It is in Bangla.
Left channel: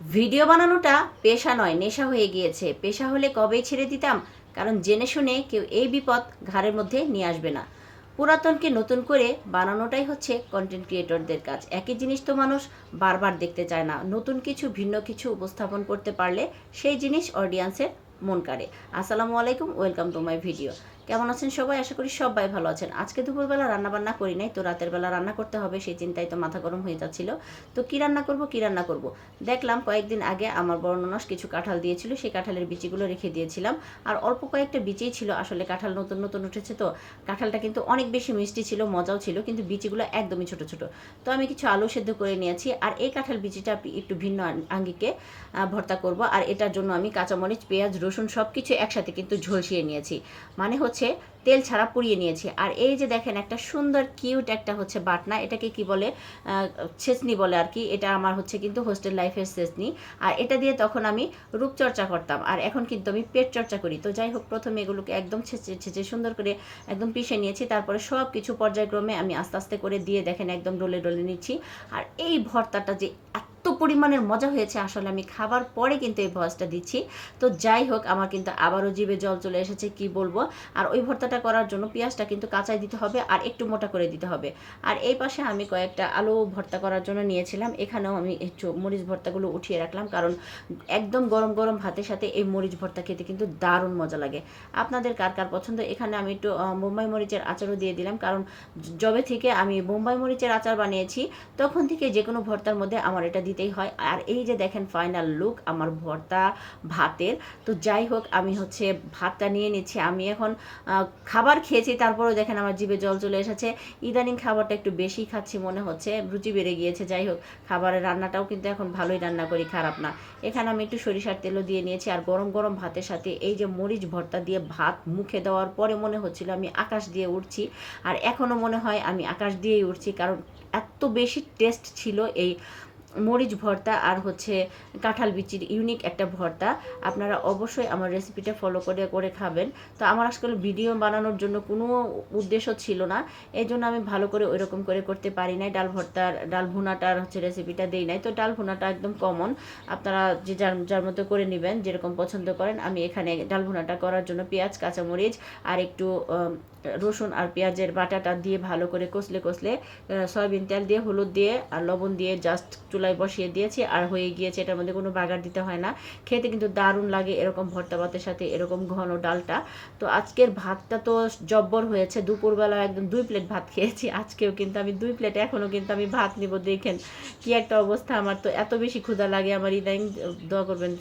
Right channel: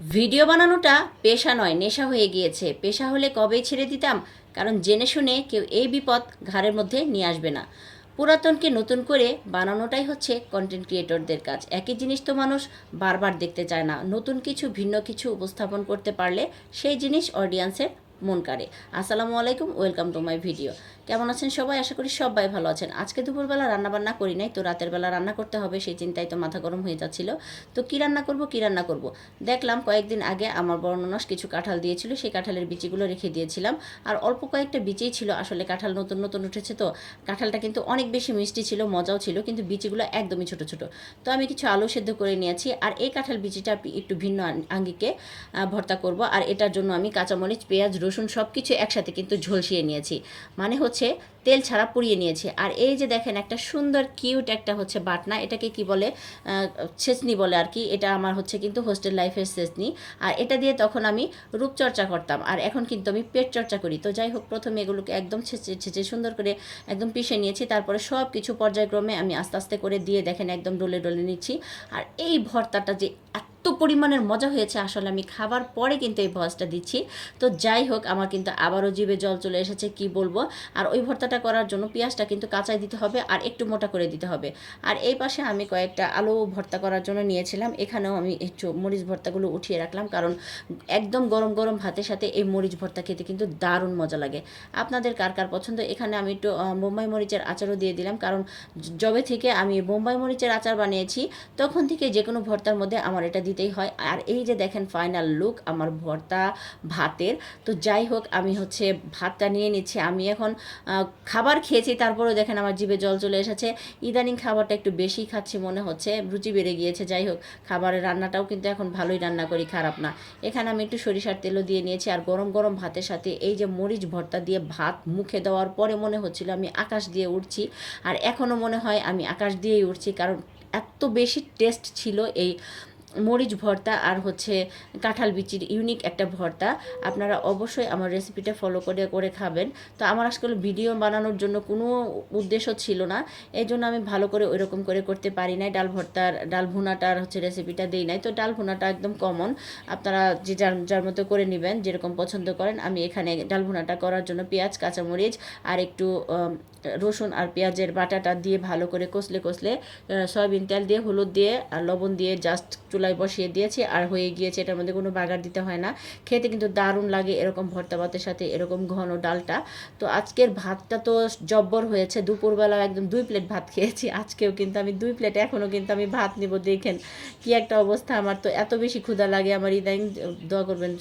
ভিডিও বানানোটা পেশা নয়, নেশা হয়ে গিয়েছে। পেশা হলে কবেই ছেড়ে দিতাম? কারণ জেনে শুনে কেউ এই বিপদ ঘাড়ের মধ্যে নিয়ে আসবে না। পুরাতনকে নতুন করে বানানোটাই হচ্ছে কন্টেন্ট ক্রিয়েটরদের কাজ। একই জিনিস তো মানুষ বারবার দেখতে চায় না। নতুন কিছু, ভিন্ন কিছু উপস্থাপন করতে পারলে সেই জিনিস অডিয়েন্সের মন কাড়ে। আসসালামু আলাইকুম, ওয়েলকাম টু মাই ভিডিও। কেমন আছেন সবাই? আশা করি সবাই ভালো আছেন। আজকে দুপুরবেলা রান্না বান্না করি নাই, তো রাতের বেলা রান্না করতে হবে, সেই চিন্তায় তো মাথা গরম হয়ে যাচ্ছিল। তো কী রান্না করব, কী রান্না করব? দেখলাম কয়েকদিন আগে আমার বড় ননস কিছু কাঁঠাল দিয়েছিল, সেই কাঁঠালের বিচিগুলো রেখে দিয়েছিলাম। আর অল্প কয়েকটা বিচিই ছিল, আসলে কাঁঠাল নতুন নতুন উঠেছে তো। কাঁঠালটা কিন্তু অনেক বেশি মিষ্টি ছিল, মজাও ছিল, কিন্তু বিচিগুলো একদমই ছোট ছোট। তো আমি কিছু আলু সেদ্ধ করে নিয়েছি, আর এই কাঁঠাল বিচিটা একটু ভিন্ন আঙ্গিকে ভর্তা করব। আর এটার জন্য আমি কাঁচামরিচ, পেঁয়াজ, রসুন সব কিছু একসাথে কিন্তু ঝলসিয়ে নিয়েছি। মানে হচ্ছে তেল ছাড়া পুড়িয়ে নিয়েছি। আর এই যে দেখেন, একটা সুন্দর কিউট একটা হচ্ছে বাটনা, এটাকে কি বলে ছেঁচনি বলে আর কি, এটা আমার হচ্ছে কিন্তু হোস্টেল লাইফের ছেঁচনি আর এটা দিয়ে তখন আমি রূপচর্চা করতাম। আর এখন কিন্তু আমি পেট চর্চা করি। তো যাই হোক, প্রথমে এগুলোকে একদম ছেঁচে ছেঁচে সুন্দর করে একদম পিষে নিয়েছি। তারপরে সব কিছু পর্যায়ক্রমে আমি আস্তে আস্তে করে দিয়ে দেখেন, একদম ডলে ডলে নিচ্ছি। আর এই ভর্তাটা যে এত পরিমাণের মজা হয়েছে। আসলে আমি খাবার পরে কিন্তু এই ভয়েসটা দিচ্ছি। তো যাই হোক, আমার কিন্তু আবারও জিভে জল চলে এসেছে, কি বলব? আর ওই ভর্তাটা করার জন্য পেঁয়াজটা কিন্তু কাঁচাই দিতে হবে আর একটু মোটা করে দিতে হবে। আর এই পাশে আমি কয়েকটা আলু ভর্তা করার জন্য নিয়েছিলাম। এখানেও আমি একটু মরিচ ভর্তাগুলো উঠিয়ে রাখলাম কারণ একদম গরম গরম ভাতের সাথে এই মরিচ ভর্তা খেতে কিন্তু দারুণ মজা লাগে। আপনাদের কার কার পছন্দ? এখানে আমি একটু বোম্বাই মরিচের আচারও দিয়ে দিলাম কারণ যবে থেকে আমি বোম্বাই মরিচের আচার বানিয়েছি, তখন থেকে যে কোনো ভর্তার মধ্যে আমার এটা দিতেই হয়। আর এই যে দেখেন ফাইনাল লুক আমার ভর্তা, ভাতের। তো যাই হোক, আমি হচ্ছে ভাতটা নিয়ে নিচ্ছি। আমি এখন খাবার খেয়েছি, তারপরেও দেখেন আমার জিভে জল চলে এসেছে। ইদানিং খাবারটা একটু বেশি খাচ্ছি মনে হচ্ছে, রুচি বেড়ে গিয়েছে, যাই হোক। খাবারের রান্নাটাও কিন্তু এখন ভালোই রান্না করি, খারাপ না। এখানে আমি একটু সরিষার তেলও দিয়ে নিয়েছি, আর গরম গরম ভাতের সাথে এই যে মরিচ ভর্তা দিয়ে ভাত মুখে দেওয়ার পরে মনে হচ্ছিল আমি আকাশ দিয়ে উঠছি আর এখনও মনে হয় আমি আকাশ দিয়েই উঠছি কারণ এত বেশি টেস্ট ছিল এই মরিচ ভর্তা আর হচ্ছে কাঁঠাল বিচির ইউনিক একটা ভর্তা। আপনারা অবশ্যই আমার রেসিপিটা ফলো করে করে খাবেন। তো আমার আজকাল ভিডিও বানানোর জন্য কোনো উদ্দেশ্য ছিল না। এই জন্য আমি ভালো করে ওইরকম করে করতে পারি নাই। ডাল ভর্তার, ডাল ভুনাটার হচ্ছে রেসিপিটা দেই নাই। তো ডাল ভুনাটা একদম কমন আপনারা যে যার যার মতো করে নেবেন, যেরকম পছন্দ করেন, আমি এখানে ডাল ভুনাটা করার জন্য পেঁয়াজ, কাঁচামরিচ আর একটু রসুন আর পেঁয়াজের বাটাটা দিয়ে ভালো করে কষলে কষলে সয়াবিন তেল দিয়ে, হলুদ দিয়ে আর লবণ দিয়ে জাস্ট চুলায় বসিয়ে দিয়েছি, আর হয়ে গিয়েছে এটার মধ্যে কোনো বাগার দিতে হয় না। খেতে কিন্তু দারুণ লাগে এরকম ভর্তা ভাতের সাথে, এরকম ঘন ডালটা। তো আজকের ভাতটা তো জব্বর হয়েছে, দুপুরবেলা একদম দুই প্লেট ভাত খেয়েছি, আজকেও কিন্তু আমি দুই প্লেট, এখনও কিন্তু আমি ভাত নিব, দেখেন কি একটা অবস্থা আমার। তো এত বেশি ক্ষুধা লাগে, আমার ইদানিং দোয়া করবেন।